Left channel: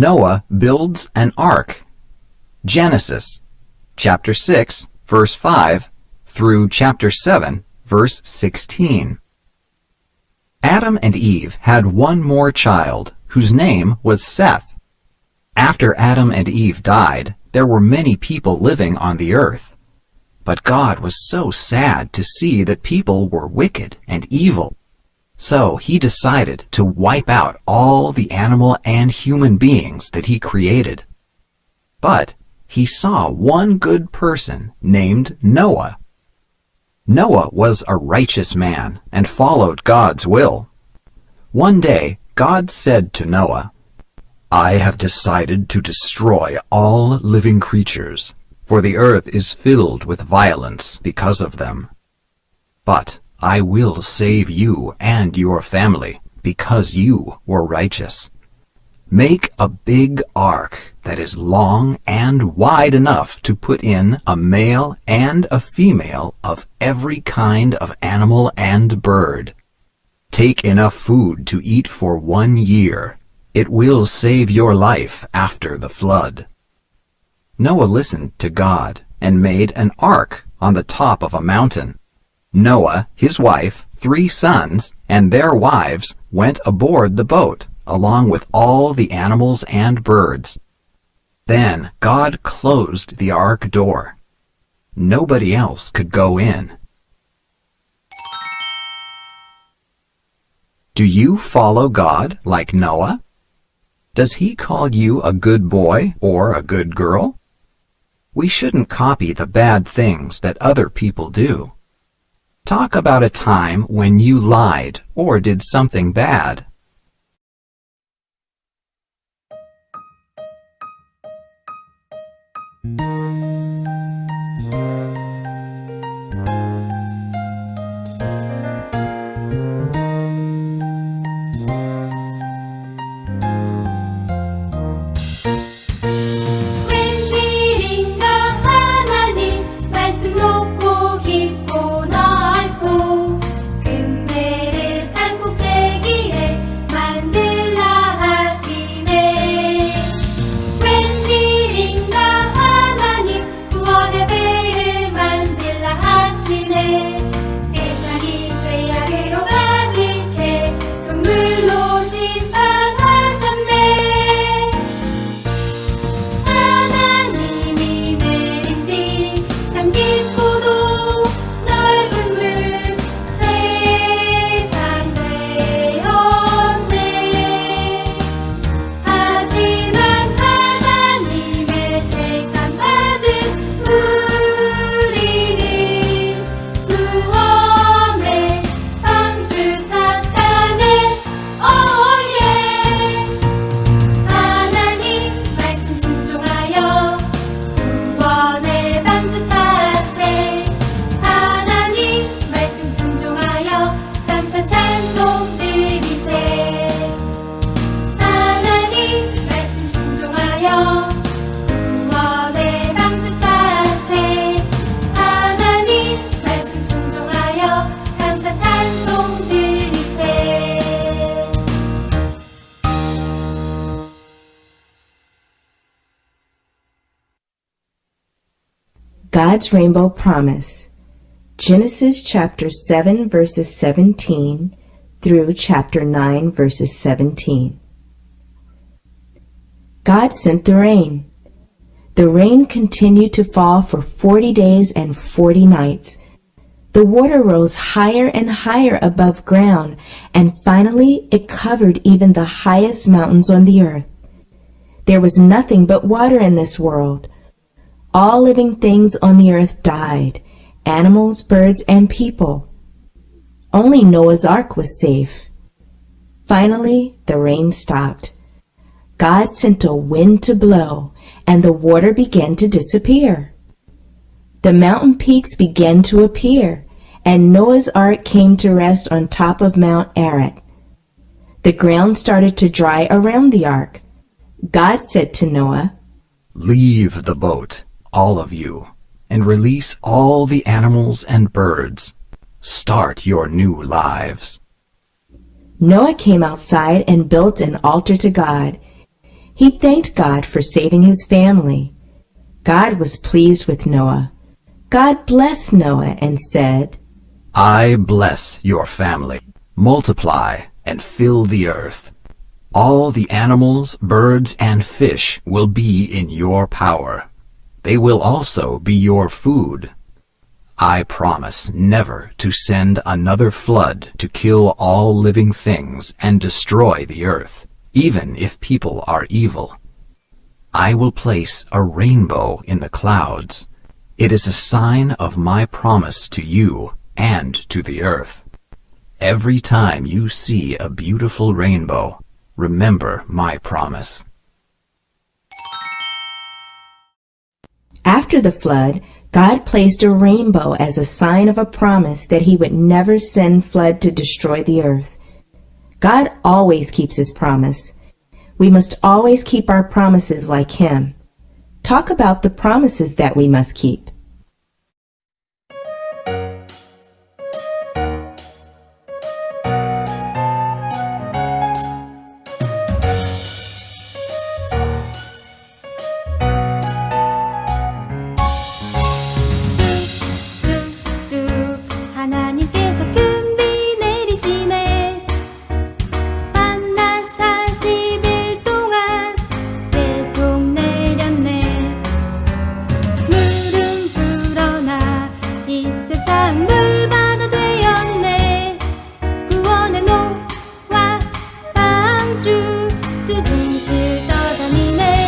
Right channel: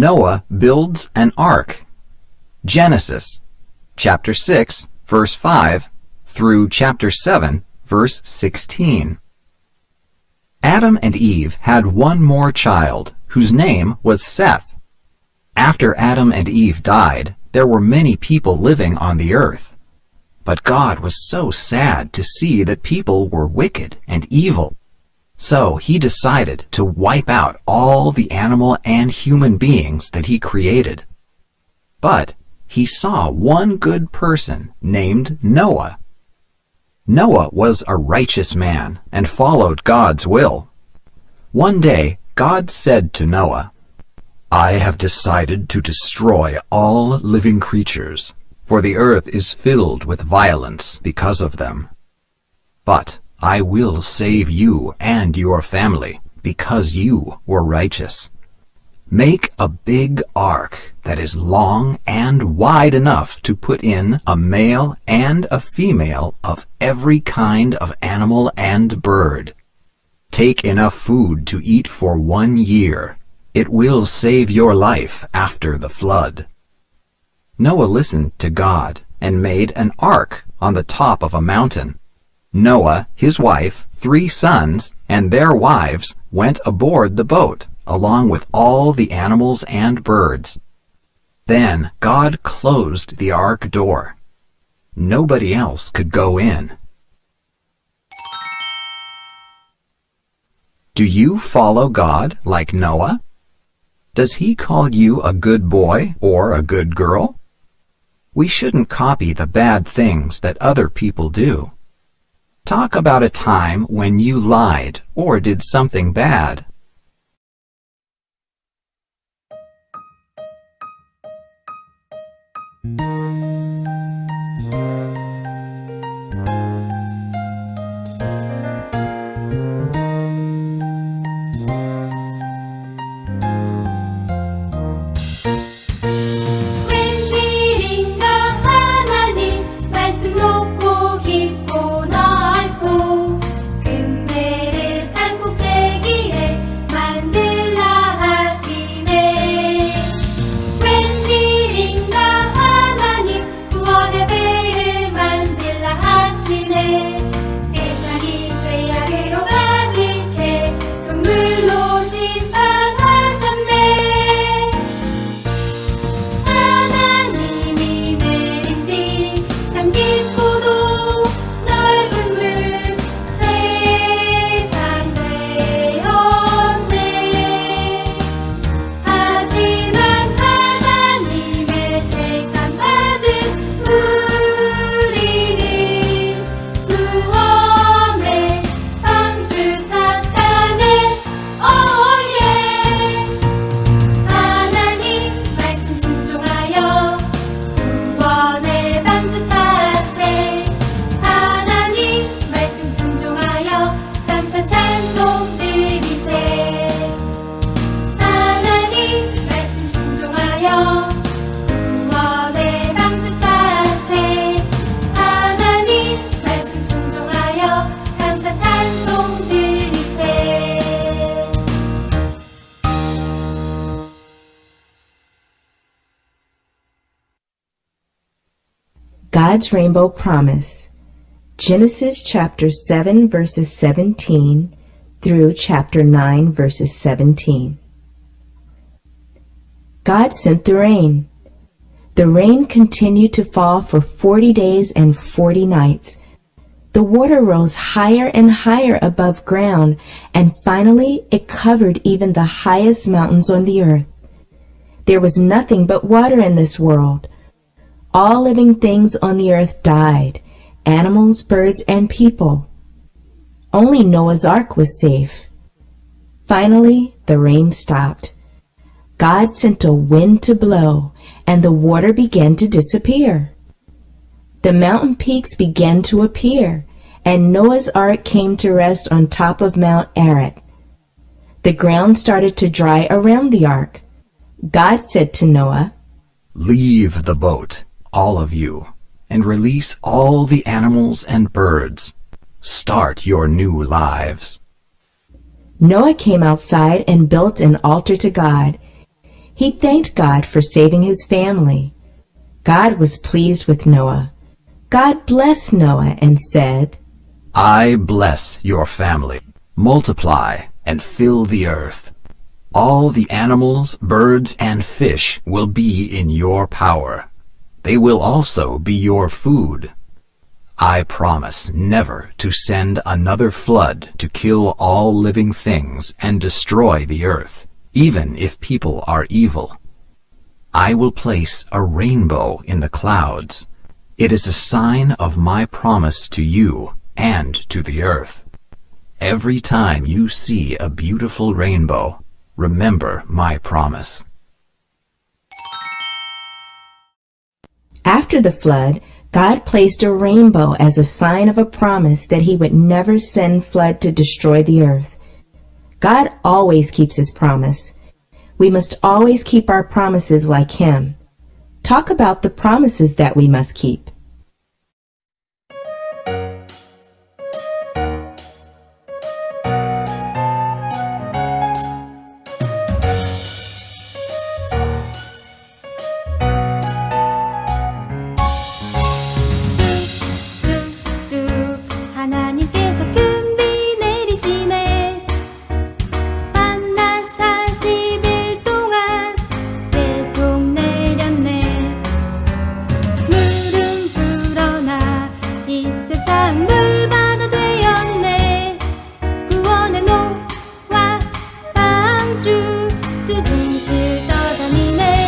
Noah builds an ark. Genesis, chapter 6, verse 5, through chapter 7, verse 16. Adam and Eve had one more child, whose name was Seth. After Adam and Eve died, there were many people living on the earth. But God was so sad to see that people were wicked and evil. So he decided to wipe out all the animal and human beings that he created. But he saw one good person named Noah. Noah was a righteous man and followed God's will. One day, God said to Noah, "I have decided to destroy all living creatures, for the earth is filled with violence because of them. But I will save you and your family, because you were righteous. Make a big ark that is long and wide enough to put in a male and a female of every kind of animal and bird. Take enough food to eat for 1 year. It will save your life after the flood." Noah listened to God and made an ark on the top of a mountain. Noah, his wife, 3 sons, and their wives went aboard the boat, along with all the animals and birds. Then God closed the ark door. Nobody else could go in. Do you follow God like Noah? Does he call you a good boy or a good girl? We shouldn't copy the bad things that other people do. Talk about a time when you lied or did something bad. God's Rainbow Promise, Genesis chapter 7 verses 17 through chapter 9 verses 17. God sent the rain. The rain continued to fall for 40 days and 40 nights. The water rose higher and higher above ground, and finally it covered even the highest mountains on the earth. There was nothing but water in this world. All living things on the earth died, animals, birds, and people. Only Noah's Ark was safe. Finally, the rain stopped. God sent a wind to blow, and the water began to disappear. The mountain peaks began to appear, and Noah's Ark came to rest on top of Mount Ararat. The ground started to dry around the ark. God said to Noah, "Leave the boat, all of you, and release all the animals and birds. Start your new lives." Noah came outside and built an altar to God. He thanked God for saving his family. God was pleased with Noah. God blessed Noah and said, I bless your family. Multiply and fill the earth. All the animals, birds, and fish will be in your power. They will also be your food. I promise never to send another flood to kill all living things and destroy the earth, even if people are evil. I will place a rainbow in the clouds. It is a sign of my promise to you and to the earth. Every time you see a beautiful rainbow, remember my promise. After the flood, God placed a rainbow as a sign of a promise that he would never send flood to destroy the earth. God always keeps his promise. We must always keep our promises like him. Talk about the promises that we must keep. 하나님께서 큰 비 내리시네. 밤낮 40일 동안 계속 내렸네. 물은 불어나 이 세상 물바다 되었네. 구원의 노와 방주 두둥실 떠다니네.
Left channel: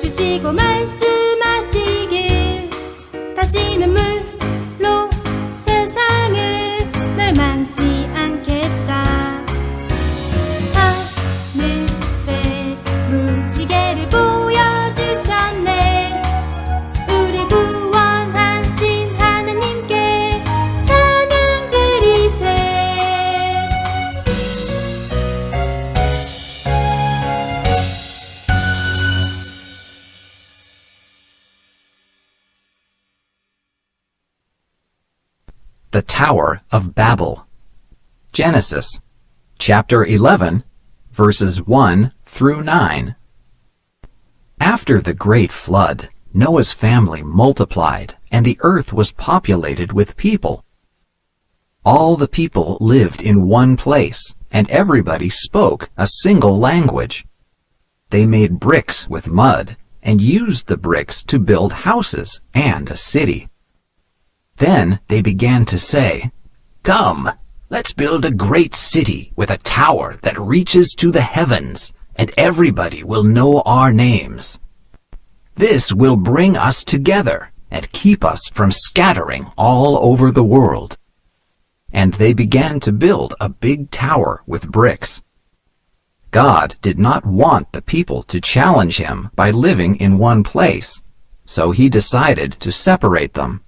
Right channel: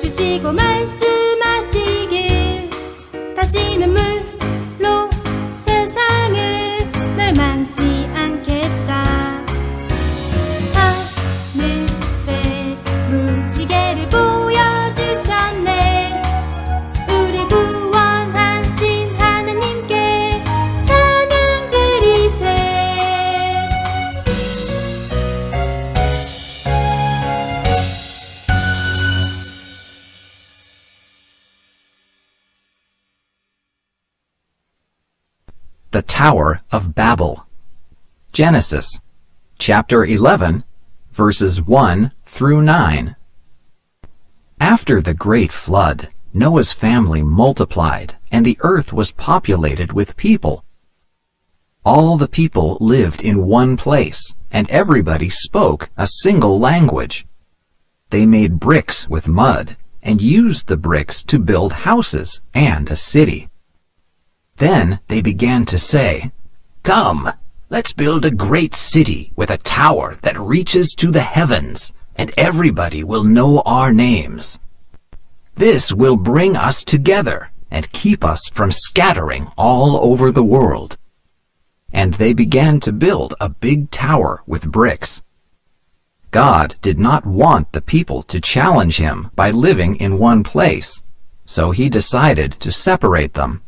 주시고 말씀하시길 다시는 물로 세상을 멸망치 않겠다. 하늘에 무지개를 보여주셨네. 우리 구원하신 하나님께 찬양 드리세. The Tower of Babel. Genesis, chapter 11, verses 1 through 9. After the great flood, Noah's family multiplied, and the earth was populated with people. All the people lived in one place, and everybody spoke a single language. They made bricks with mud, and used the bricks to build houses and a city. Then they began to say, Come, let's build a great city with a tower that reaches to the heavens, and everybody will know our names. This will bring us together and keep us from scattering all over the world. And they began to build a big tower with bricks. God did not want the people to challenge him by living in one place, so he decided to separate them.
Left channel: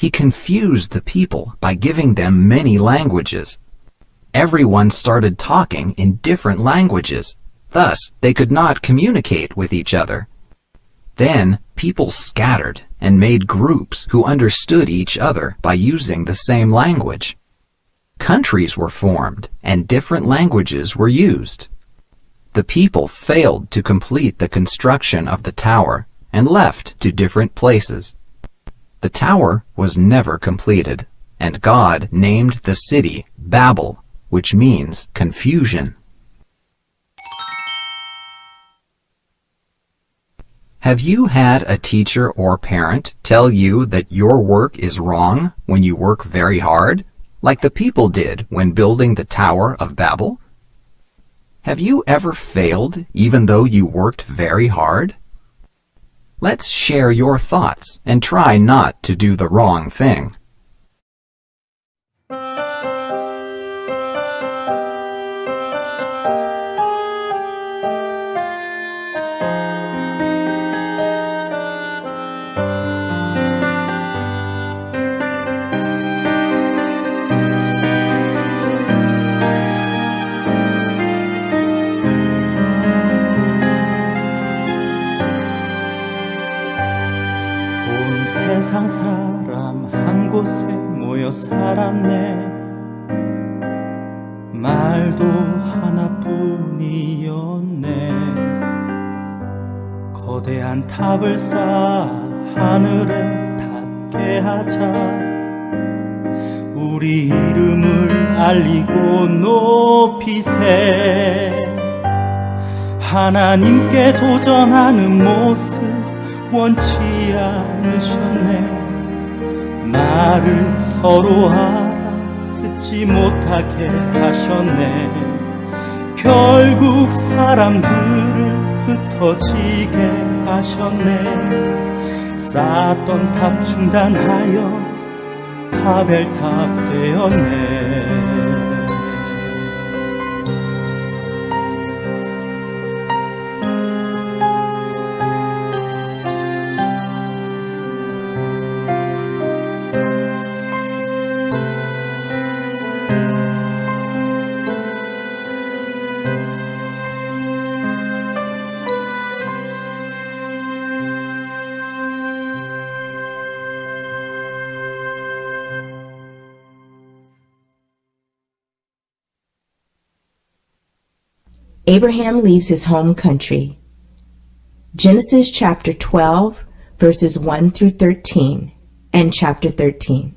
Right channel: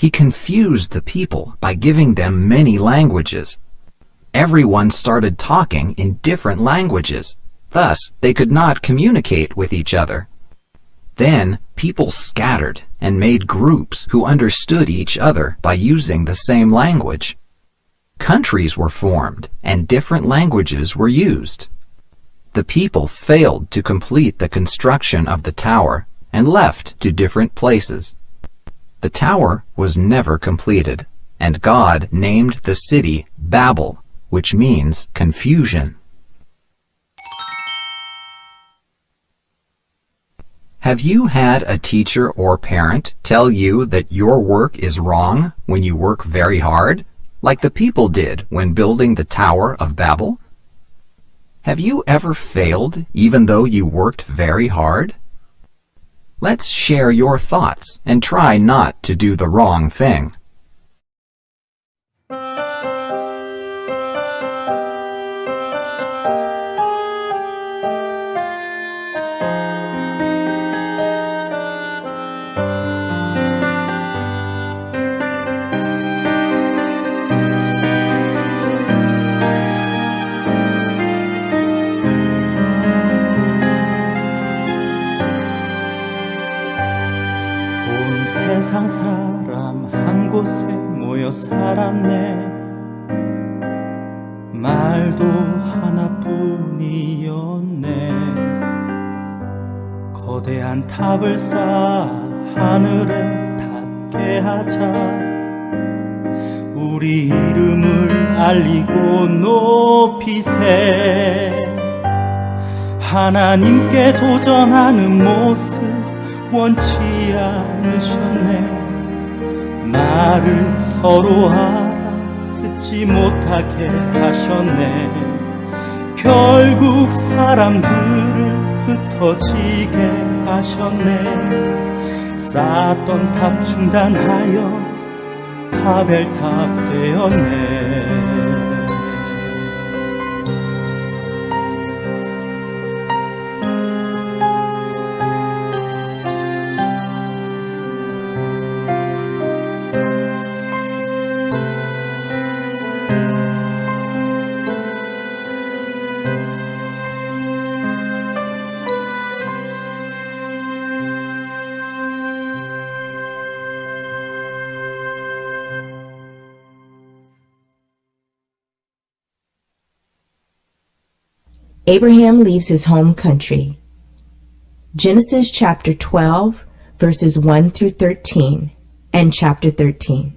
He confused the people by giving them many languages. Everyone started talking in different languages. Thus, they could not communicate with each other. Then, people scattered and made groups who understood each other by using the same language. Countries were formed, and different languages were used. The people failed to complete the construction of the tower and left to different places. The tower was never completed, and God named the city Babel, which means confusion. Have you had a teacher or parent tell you that your work is wrong when you work very hard, like the people did when building the Tower of Babel? Have you ever failed even though you worked very hard? Let's share your thoughts and try not to do the wrong thing. 살았네. 말도 하나뿐이었네. 거대한 탑을 쌓아 하늘에 닿게 하자. 우리 이름을 알리고 높이세. 하나님께 도전하는 모습 원치 않으셨네. 말을 서로 알아듣지 못하게 하셨네. 결국 사람들을 흩어지게 하셨네. 쌓았던 탑 중단하여 바벨탑 되었네. Abraham leaves his home country. Genesis chapter 12, verses 1 through 13, and chapter 13.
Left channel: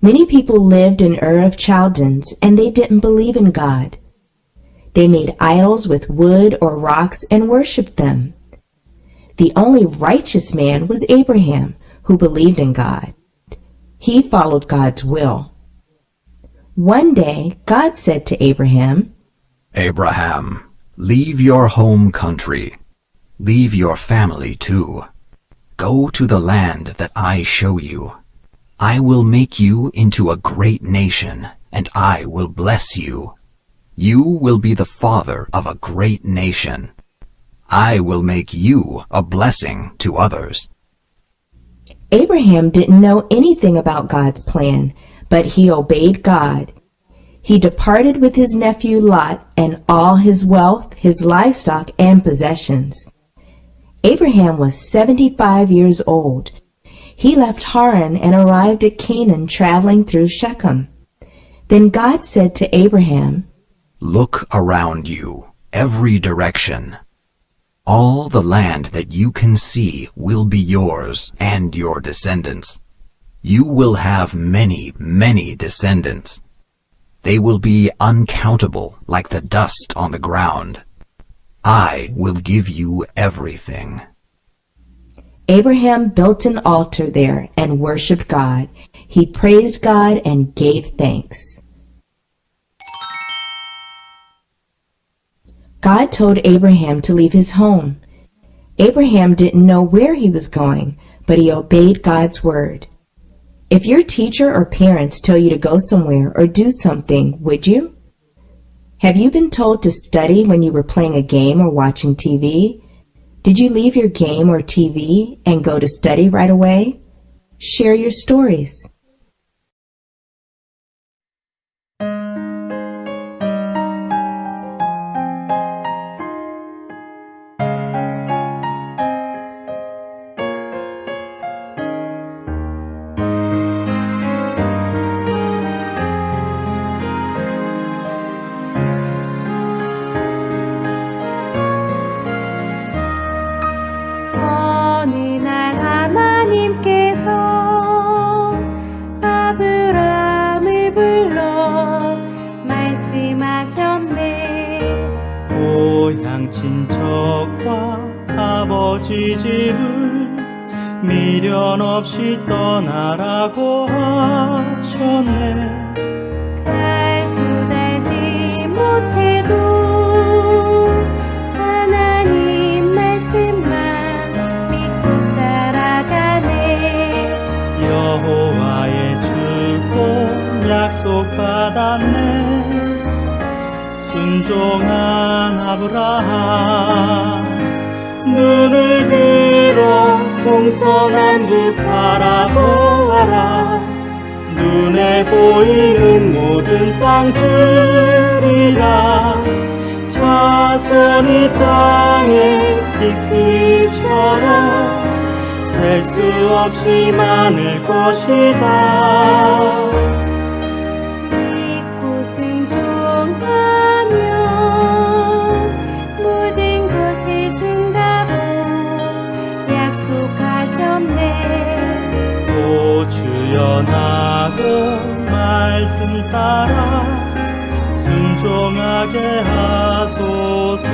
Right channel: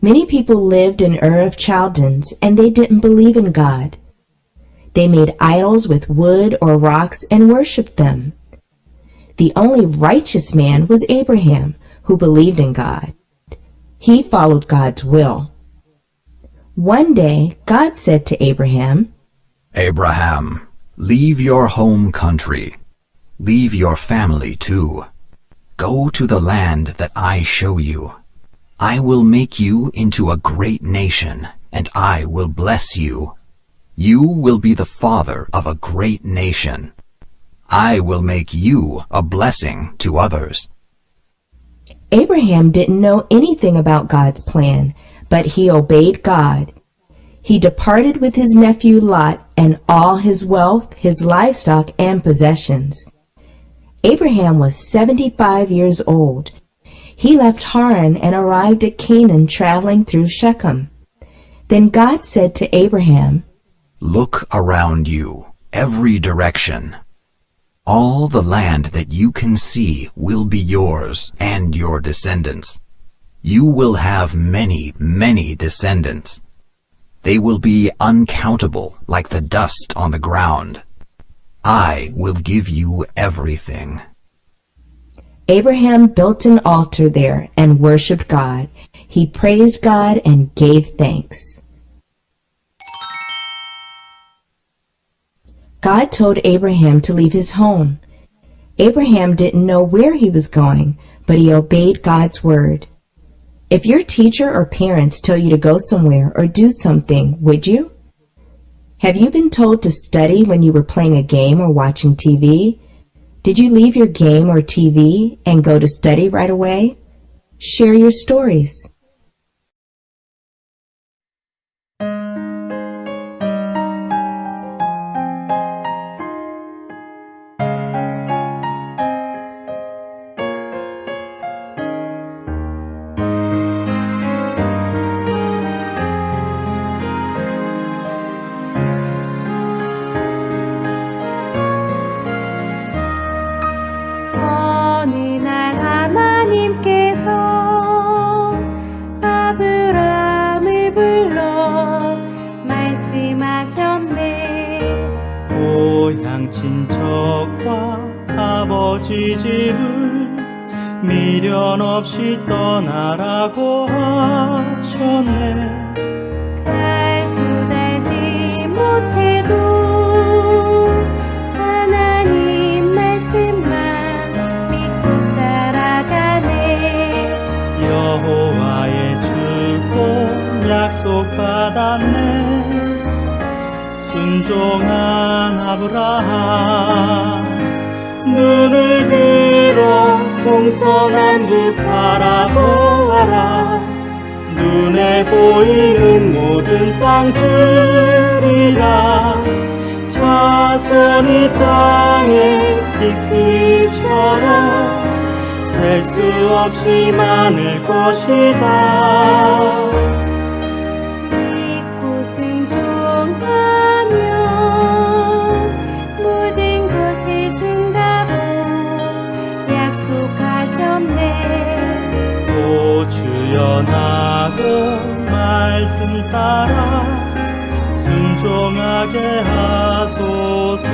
Many people lived in Ur of Chaldeans, and they didn't believe in God. They made idols with wood or rocks and worshipped them. The only righteous man was Abraham, who believed in God. He followed God's will. One day, God said to Abraham, Abraham, leave your home country. Leave your family too. Go to the land that I show you. I will make you into a great nation, and I will bless you. You will be the father of a great nation. I will make you a blessing to others. Abraham didn't know anything about God's plan, but he obeyed God. He departed with his nephew Lot and all his wealth, his livestock, and possessions. Abraham was 75 years old. He left Haran and arrived at Canaan, traveling through Shechem. Then God said to Abraham, Look around you, every direction. All the land that you can see will be yours and your descendants. You will have many, many descendants. They will be uncountable like the dust on the ground. I will give you everything. Abraham built an altar there and worshipped God. He praised God and gave thanks. God told Abraham to leave his home. Abraham didn't know where he was going, but he obeyed God's word. If your teacher or parents tell you to go somewhere or do something, would you? Have you been told to study when you were playing a game or watching TV? Did you leave your game or TV and go to study right away? Share your stories. 어느 날 하나님께서 아브라함을 불러 말씀하셨네. 고향 친척과 아버지 집을 미련 없이 떠나라고 하셨네. 갈고 닳지 못해도 하나님 말씀만 믿고 따라가네. 여호와의 축복 약속받았네. 순종한 아브라함 눈을 들어 동서남북 바라보아라. 눈에 보이는 모든 땅들이라. 자손이 땅의 티끌처럼 셀 수 없이 많을 것이다. 믿고 순종하면 모든 것을 준다고 약속하셨네. 오 주여 나도 말씀 따라 순종하게 하소서.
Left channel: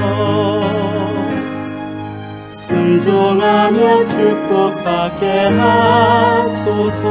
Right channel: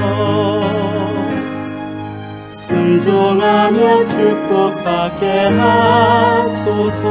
순종하며 축복받게 하소서.